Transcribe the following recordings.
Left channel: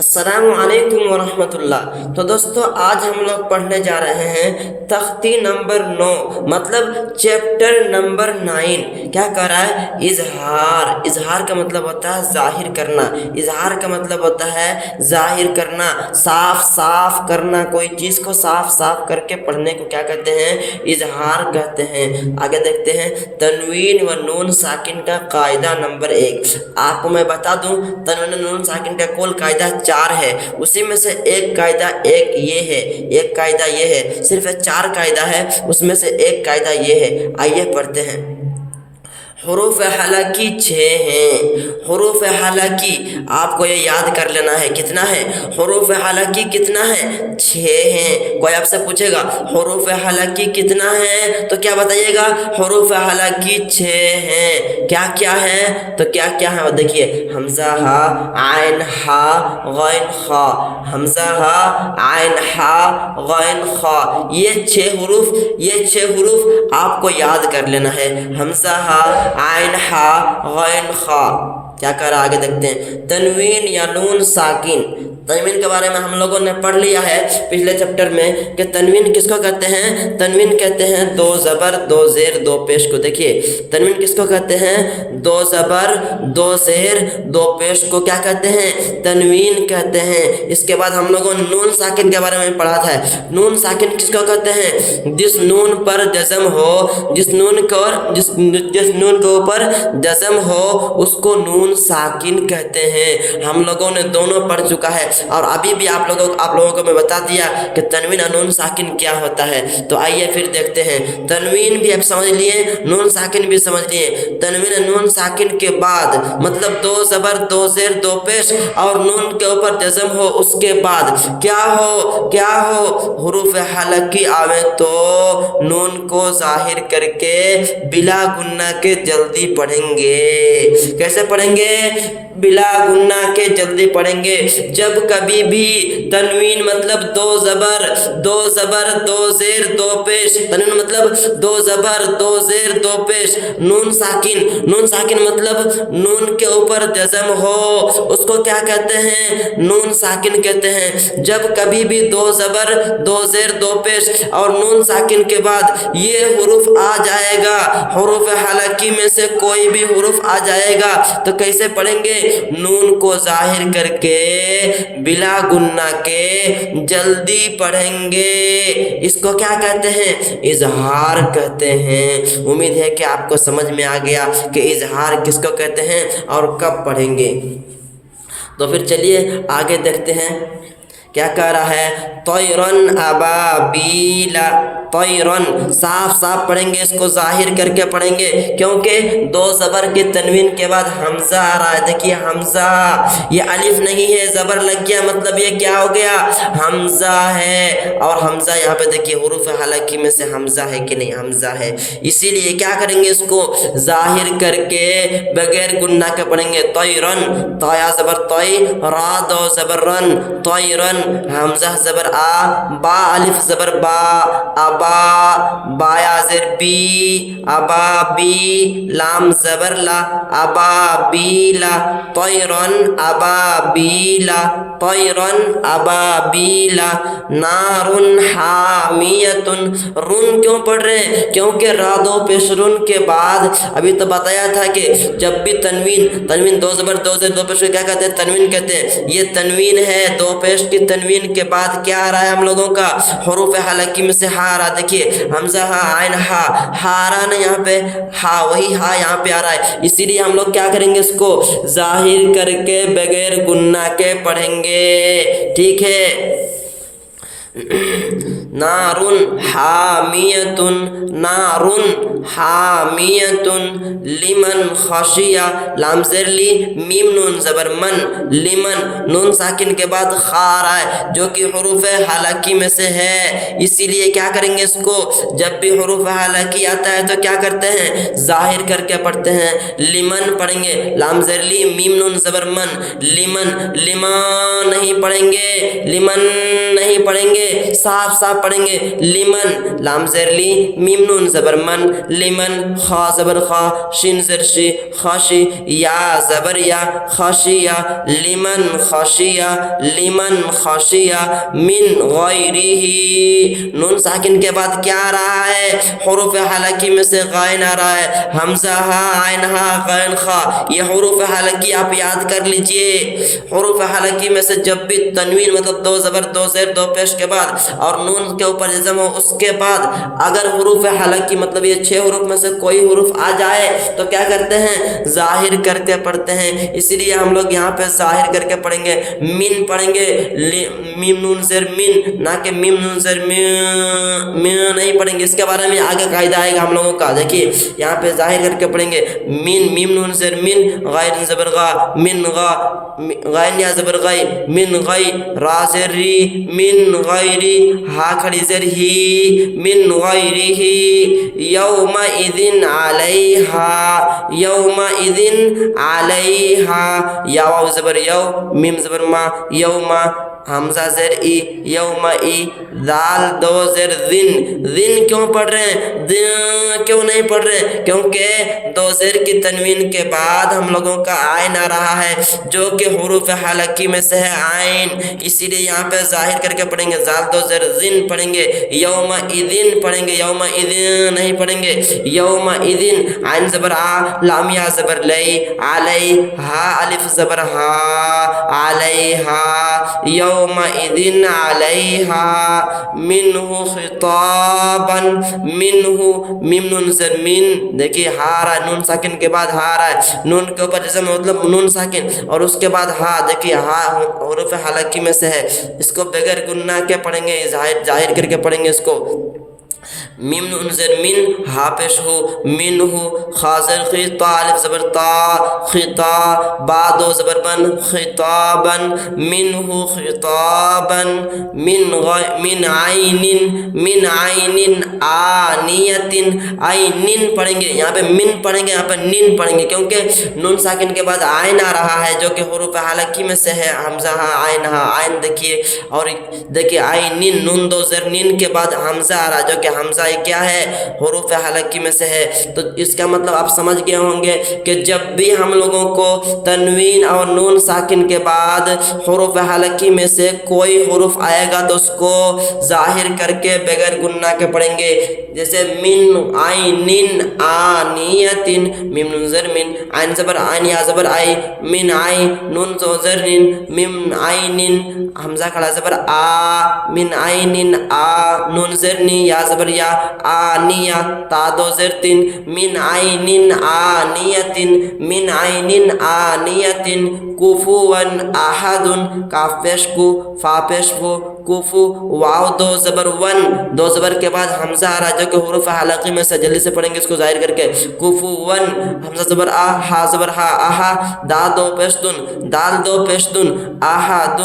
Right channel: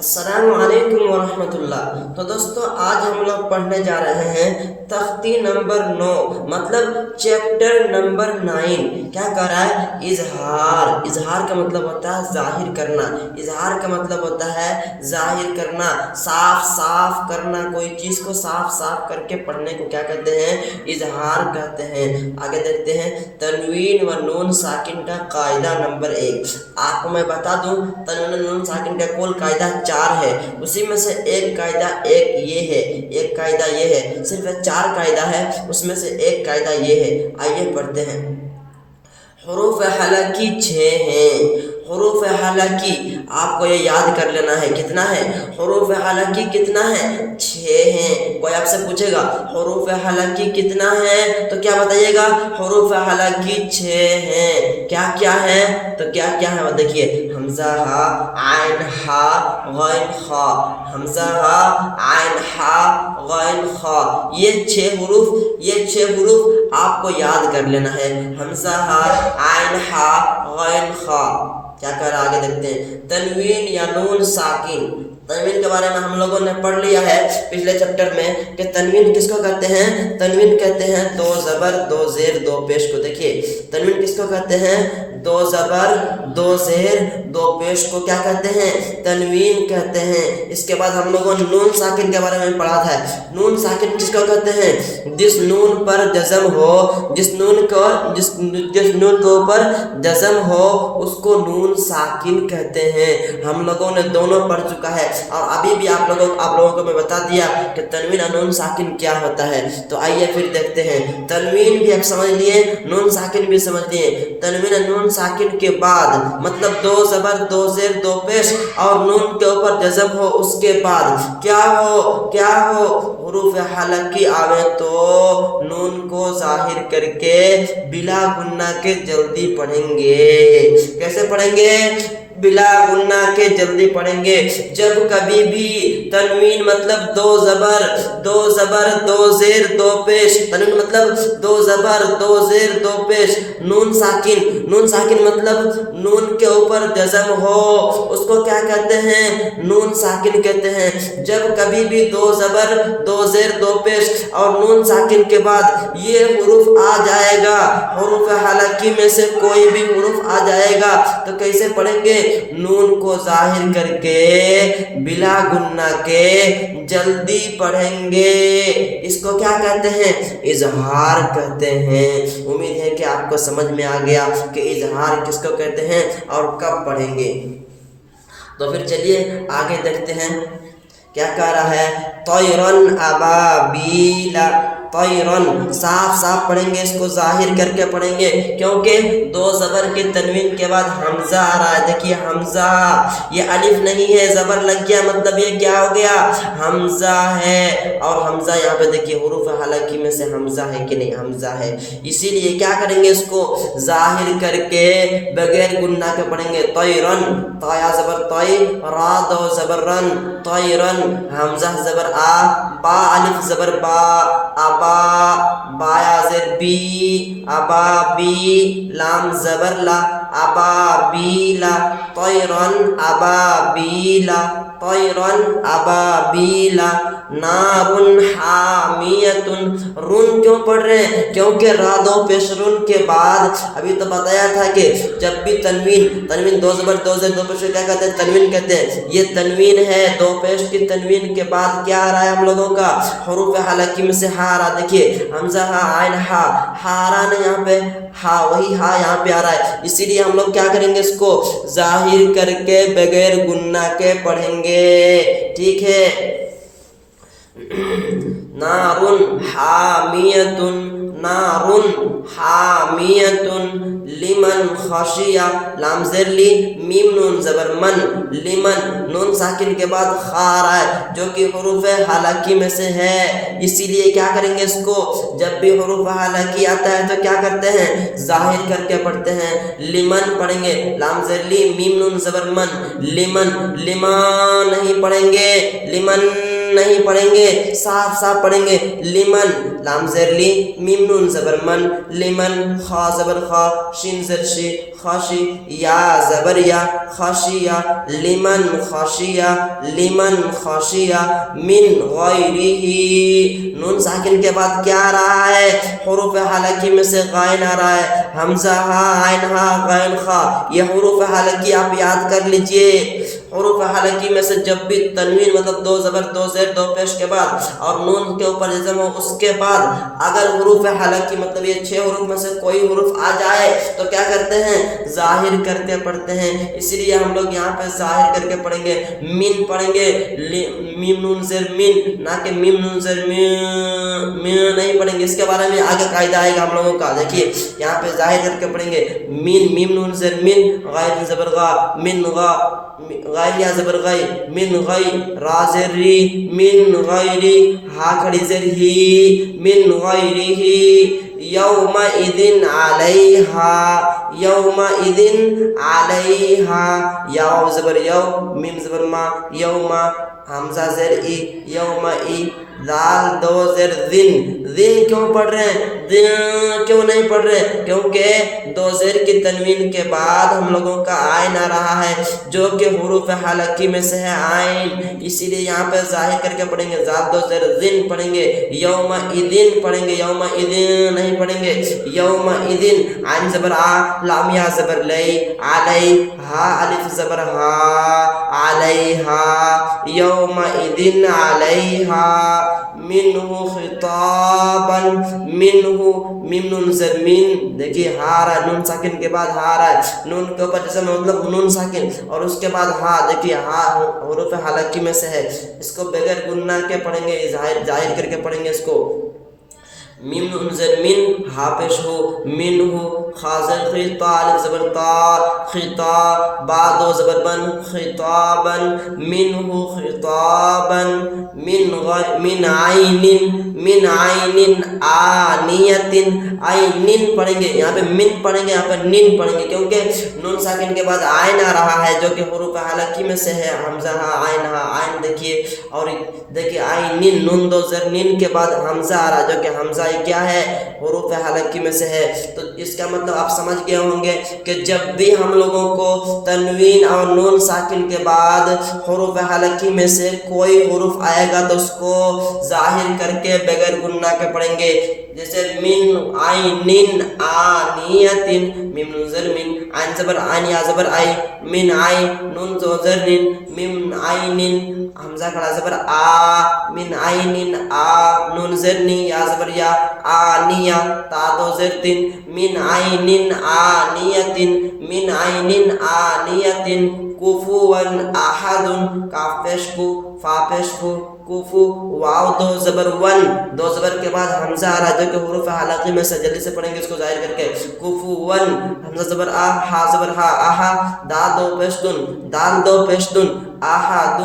अस्सलाम वालेकुम वरहमतुल्लाह। तो दोस्तों आज हम लोग पढ़ने जा रहे हैं तख्ती नंबर 9 मतलब चैप्टर नंबर 9। क्या कर रहा है? इजहार। इजहार का मतलब होता है जाहिर करना। इजहार का मतलब होता है जाहिर करना, साफ साफ करना। कोई चीज को साफ साफ करके पढ़ने को क्या कहते हैं? इजहार कहते हैं। आगे देखते हैं तनवीन व नून साकिन का कायदा नंबर 1। आपको मैं बता दूं तनवीन व नून साकिन का कुल कायदा 4 है। उसी में से एक कायदा एक ये है, एक कायदा ये है। सिर्फ 4 कायदा है, उसमें से एक कायदा ये है। आइए पढ़ते हैं। हुरूफ हालाकी 6 हैं। हुरूफ हालाकी आपको ये याद कर लेना है। कितना है? हुरूफ हालाकी कितना है? 6 है। कोई आपसे पूछेगा हुरूफ हालाकी कितना है तो क्या बताइएगा? हुरूफ हालाकी 6 है। क्या क्या है? तो क्या क्या है वो देखिए, हमजा हा, आइन हा, गैन खा। हमजा हा, आइन हा, गैन खा। ये 6 हुरूफ आपको याद कर लेना है। हमजा हा, आइन हा, गैन खा। क्या कर आगे देखते हैं तनवीन या नून साकिन। तनवीन के बारे में हम लोगों ने पढ़ लिया है पिछले चैप्टर में कि तनवीन किसको कहते हैं? तनवीन कहते हैं 2 ज़बर 2 ज़ेर 2 पेश को। देखिए तनवीन किसको कहते हैं? 2 ज़बर 2 ज़ेर 2 पेश को क्या कहते हैं? तनवीन कहते हैं। इसके बाद हम लोगों ने नून साकिन के बारे में पढ़ा था। नून साकिन किसको कहते हैं? जिस नून पर जज़म हो, जिस नून के ऊपर जज़म हो उसको नून साकिन कहते हैं। हम लोगों ने दोनों पढ़ चुका है और अभी भी आप लोगों को मैं बता दिया कि तनवीन और नून साकिन क्या होता है। तो आइए फिर देखते हैं। तनवीन भी आप समझ लिए, नून साकिन भी समझ लिए। तनवीन और नून साकिन के बाद मतलब 2 ज़बर 2 ज़ेर 2 पेश और नून के ऊपर जज़म हो, उसके बाद क्या हो हुरूफ हालाकी आवे तो नून को जाहिर करके बिला गुन्ना के जल्दी पढ़ेंगे। कैसे पढ़ेंगे? बिला गुन्ना के जल्दी पढ़ेंगे। जब कभी भी तनवीन मतलब 2 ज़बर 2 ज़ेर 2 पेश, तनवीन मतलब 2 ज़बर 2 ज़ेर 2 पेश, नून साकिन मतलब नून के ऊपर जज़म हो उसको क्या कहते हैं? नून साकिन कहते हैं। जब कभी भी 2 ज़बर 2 ज़ेर 2 पेश और नून साकिन के बाद ये हुरूफ आ जाएगा, हुरूफ हालाकी में से कोई भी हुरूफ आ जाएगा तो कैसे पढ़ेंगे? नून को जाहिर करके बिला गुन्ना के जल्दी पढ़ेंगे। इसको क्या कहते हैं? इजहार कहते हैं। उम्मीद है कि आपको समझ में आ गया कि इजहार किसको कहते हैं और कब पढ़ेंगे। तो फिर चलिए आगे देखते हैं क्या कह रहा है। तैरन अबाबीला, तैरन साफ साफ पढ़ेंगे, इसको जाहिर करके पढ़ेंगे क्योंकि 2 ज़बर की तनवीन के बाद हमजा आ रहा है। देखिए हमजा, ये अलिफ नहीं है, ज़बर लग गया मतलब ये क्या हो गया? हमजा है। और हमजा यहाँ पे देखिए हुरूफ हालाकी में से हमजा है कि नहीं? हमजा है। इसीलिए क्या करेंगे? इसको जाहिर करके बगैर गुन्ना के पढ़ेंगे। तैरन, तया ज़बर तय, रा 2 ज़बर रन, तैरन, हमजा ज़बर आ, बा अलिफ ज़बर बा, अबा, बाया ज़ेर बी, अबा बी, लाम ज़बर ला, अबा बीला, तैरन अबा बीला, तैरन अबा बीला, नारुन हामियतुन। रुन क्यों पढ़ रहे हैं? क्योंकि रादो पेश रुन के बाद अभी तो बताया था कि जब भी तनवीन 2 ज़बर 2 ज़ेर 2 पेश क्या कहते हैं? तनवीन कहते हैं। ये तनवीन है, 2 पेश की तनवीन के बाद क्या आ रहा है हम लोगों का? हुरूफ हालाकी में से हा आ रहा है। देखिए हमजा हा, आइन हा, हारा ना यहाँ पे, हा वही हा यहाँ पे आ रहा है। इसीलिए हम लोग क्या करेंगे? इसको जाहिर करके बगैर गुन्ना के पढ़ेंगे। ठीक है। नारुन हामियतुन, नारुन हामियतुन, लिमन खशिया, लाम ज़ेर ली, मीम नून ज़बर मन, लिमन, नून साकिन के बाद खा आ रहा है जो कि हुरूफ हालाकी में से है। इसीलिए क्या करेंगे? इसको जब भी हुरूफ हालाकी आता है तो क्या करते हैं? जाहिर करके पढ़ते हैं। लिमन पढ़ेंगे, लाम ज़ेर ली, मीम नून ज़बर मन, लिमन, लिमान नहीं पढ़ेंगे, लिमन نہیں پڑھیں گے، صاف صاف پڑھیں گے لمن، لام زیر لی، میم نون زبر من، لمن، خا زبر خا، شین زر شی، خاشی، یا زبر یا، خاشیہ، لمن خاشیہ، لمن خاشیہ، من غیرہ، نون ساکن کے بعد کیا آ رہا ہے؟ حروف حلقی میں سے غائن آ رہا ہے، حمزہ ہا، عین ہا، غین خا، یہ حروف حلقی آپ یاد کر لیجئے۔ حروف حلقی میں سے جب بھی تنوین مطلب دو زبر دو زیر دو پیش کے بعد اور نون کے اوپر جزم ہو اس کے بعد اگر حروف حلقی مطلب یہ 6 حروف میں سے کوئی حروف آ جائے تو کیا کرتے ہیں؟ ظاہر کر کے پڑھتے ہیں، اسی لیے ہم لوگ یہاں پہ ظاہر کر کے پڑھیں گے، من پڑھیں گے، میم نون زیر من، نہ کہ میم نون زیر من نہیں پڑھیں گے، اس کے بارے میں آگے قاعدہ آئے گا ہم لوگوں کا۔ دیکھیے یہاں پہ ظاہر کر کے پڑھیں گے، من، میم نون زیر من، غیر زبر غا، من غا، غین یا زبر غی، من غی، را زیر ری، من غیری، ہا کھڑی زیر ہی، من غیرہ، یومئذ علیہا، یومئذ علیہا، یا واو زبر یو، میم زبر ما، یوما، حمزہ زیر ای، یومئی، دال دو زیر ذن، ذن کیوں پڑھ رہے ہیں؟ کیوں نہیں پڑھ رہے؟ کیونکہ دو زیر کی تنوین کے بعد ہم لوگوں کا عین آ رہا ہے جو کہ حروف حلقی میں سے ہے عین، اسی لیے یہاں پہ ظاہر کر کے پڑھیں گے، زال دو زیر ذن پڑھیں گے، یومئذ پڑھیں گے، یومئذ نہیں پڑھیں گے، یومئذ، عین زبر آ، لام یا زبر لئی، علی، ہا الف زبر ہا، علیہا، یومئذ علیہا، منہ خطابا، منہ، میم نون زر من، دیکھیے ہا رہا ہے، نون ساکن کے بعد ہا رہا ہے، نون کے اوپر جیسے مطلب نون ساکن اور اس کے بعد ہا، دیکھیے ہا حروف حلقی میں سے ہے، اس کو بغیر گننا کے پڑھیں گے، ظاہر کر کے پڑھیں گے اس کو، میم نون زر من، ہا پیش ہو، من ہو، خا زر خی، تا الف زبر تا، خطا، با دو زبر بن، خطابا، من ہو خطابا، من عین، من عین آنیت، عین پڑھیں گے، یہاں پہ من پڑھیں گے، یہاں پہ نین پڑھیں گے، کیونکہ نون ساکن کے بعد عین آ رہا ہے جو کہ حروف حلقی میں سے ہے، حمزہ ہا، عین دیکھیے، اور دیکھیے عین، نون دو زر نین کے بعد حمزہ آ رہا ہے جو کہ حمزہ کیا ہے؟ حروف حلقی میں سے ہے، تو اس کا مطلب آپ سمجھ گئے ہوں گے کہ جب بھی ہم لوگوں کو تنوین اور نون ساکن کے بعد حروف حلقی میں سے کوئی حروف آئے گا تو اس کو ظاہر کر کے بغیر گننا کے پڑھیں گے، جیسے من عین آنیت، میم نون زر من، عین زبر عین یا زبر آئی، من عین، نون زو زر نین، من عین، حمزہ کھڑا زبر آ، من عین آ، نون زر نی یا زبر یا، آنیہ، تا دو زر تین، من عین آنیت، من عین آنیت، کفوا احد، کاف پیش کو، فا پیش کو، کفو، واو دو زبر ون، دو زبر کے بعد حمزہ آ رہا ہے جو کہ حروف حلقی میں سے، جلدی سے پڑھیں گے اس کو ظاہر کر کے، کفوا، حمزہ زبر آ، ہا زبر ہا، آہا، دا دو پیش دن، دال دو پیش دن، احد،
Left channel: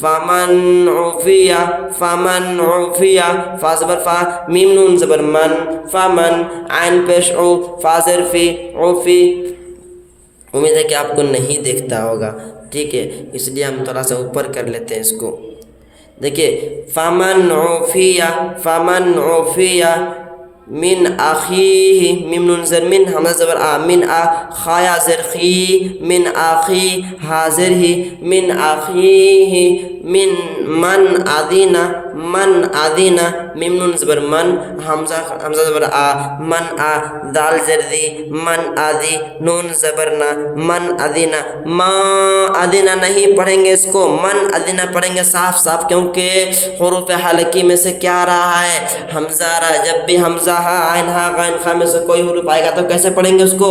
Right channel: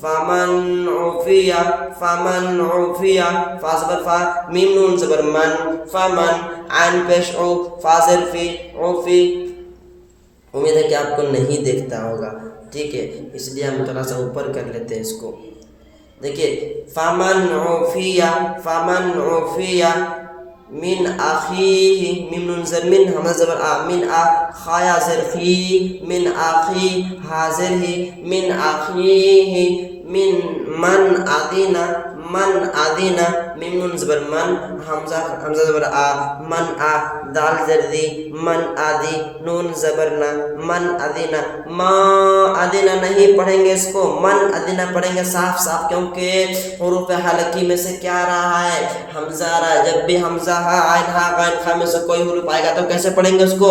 فمن عفی، فمن عفی، فا زبر فا، میم نون زبر من، فمن، عین پیش او، فا زر فی، عفی، امید ہے کہ آپ کو نہیں دیکھتا ہوگا، ٹھیک ہے، اس لیے ہم تھوڑا سا اوپر کر لیتے ہیں اس کو، دیکھیے فمن عفی، فمن عفی من اخیہ، میم نون زر من، حمزہ زبر آ، من آ، خایا زر خی، من آخی، حاضر ہی، من آخیہ، من اذینہ، من اذینہ، میم نون زبر من، حمزہ زبر آ، من آ، دال زر دی، من آدی، نون زبر نا، من اذینہ، ما اذینہ نہیں پڑھیں گے اس کو، من اذینہ پڑھیں گے صاف صاف، کیونکہ حروف حلقی میں سے کیا آ رہا ہے؟ حمزہ آ رہا ہے، جب بھی حمزہ ہا، عین ہا، غین خا میں سے کوئی حروف آئے گا تو کیسے پڑھیں گے اس کو؟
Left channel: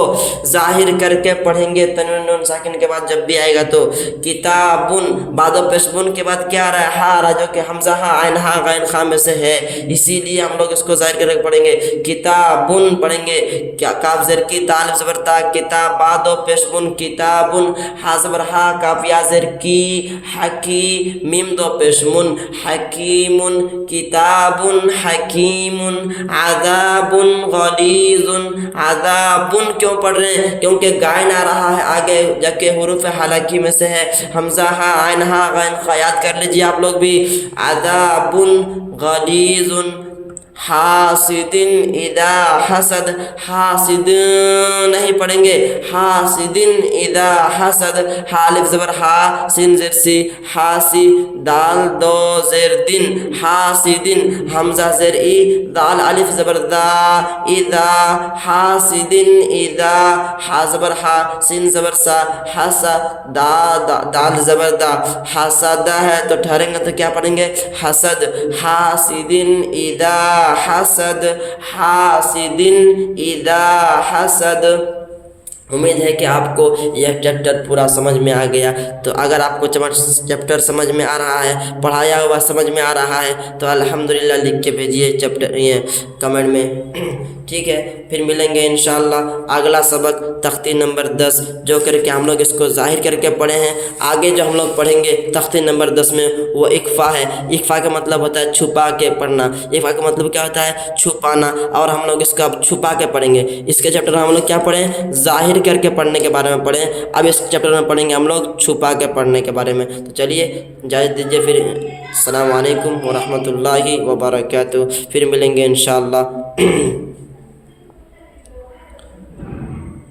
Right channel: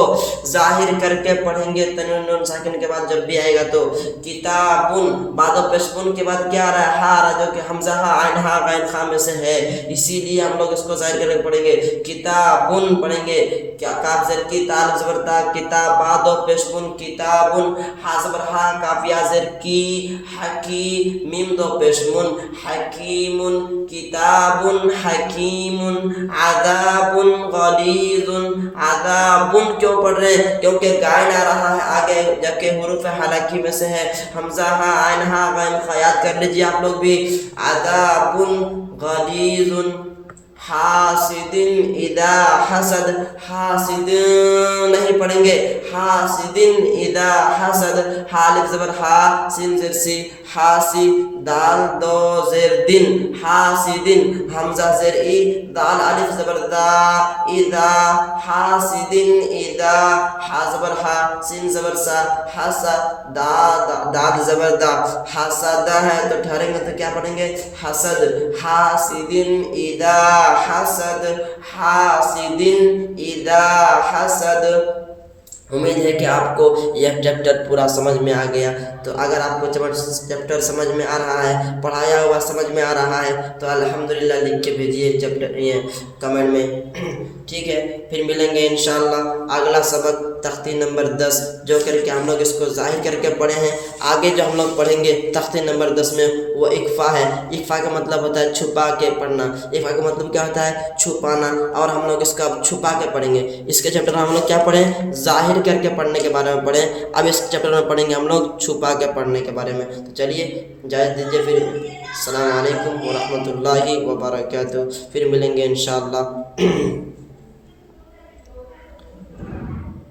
ظاہر کر کے پڑھیں گے، تنوین نون ساکن کے بعد جب بھی آئے گا تو، کتابن، بعد و پیش بن کے بعد کیا آ رہا ہے؟ ہا آ رہا ہے جو کہ حمزہ ہا، عین ہا، غین خا میں سے ہے، इसीलिए हम लोग इसको जाहिर करके पढ़ेंगे। किताबुन पढ़ेंगे, क्या काफ ज़ेर की, ता अलिफ ज़बर ता, किताबा दो पेश बुन, किताबुन, हा ज़बर हा, काफ या ज़ेर की, हकी, मीम दो पेश मुन, हकीमुन, किताबुन हकीमुन, आदाबुन गलीजुन। आदाबुन क्यों पढ़ रहे हैं? क्योंकि गायन आ रहा है आगे जाके हुरूफ हालाकी में से है, हमजा हा, आइन हा, गैन खा, याद कर लीजिए आप लोग भी। आदाबुन गलीजुन, हासिदिन इदा हसद, हासिद नहीं पढ़ेंगे, हासिदिन इदा हसद, हालिफ ज़बर हा, सिन ज़ेर सी, हासी, दाल दो ज़ेर दिन, हासिदिन, हमजा ज़ेर ई, दाल अलिफ ज़बर दा, इदा, हासिदिन इदा, हा ज़बर हा, सिन ज़बर सा, हसा, दाल ज़बर दा, हसदा है तो ठहरेंगे तो क्या पढ़ेंगे? हसद, हासिदिन इदा हसद, हासिदिन इदा हसद। उम्मीद है कि आपको यह चैप्टर पूरा समझ में आ गया। तो अगर आपको चैप्टर समझ में आ रहा है, पढ़ाया हुआ समझ में आ रहा है, तो अल्हम्दुलिल्लाह लिख के भेजिए चैप्टर ये कमेंट में। ठीक है, फिर मिलेंगे इंशाअल्लाह अगला सबक तख्ती नंबर 10, जो करके हम लोग इसको जाहिर करके पढ़े हैं। आगे जो हम लोग पढ़ेंगे तख्ती नंबर 10 में वो इक्फ़ा है। इक्फ़ा का मतलब होता है छुपा के पढ़ना। इक्फ़ा का मतलब क्या होता है? छुपाना। और हम लोग इसका छुपा के पढ़ेंगे। इसके चैप्टर में हम लोग क्या पढ़ें? जाहिर करके पढ़ने के बारे में पढ़ें। अब इस चैप्टर में पढ़ेंगे हम लोग छुपा के पढ़ने के बारे में। तो चलिए इजाज़त दीजिए, फिर अस्सलाम वालेकुम व रहमतुल्लाहि व बरकातहू। फिर मिलेंगे इंशाअल्लाह।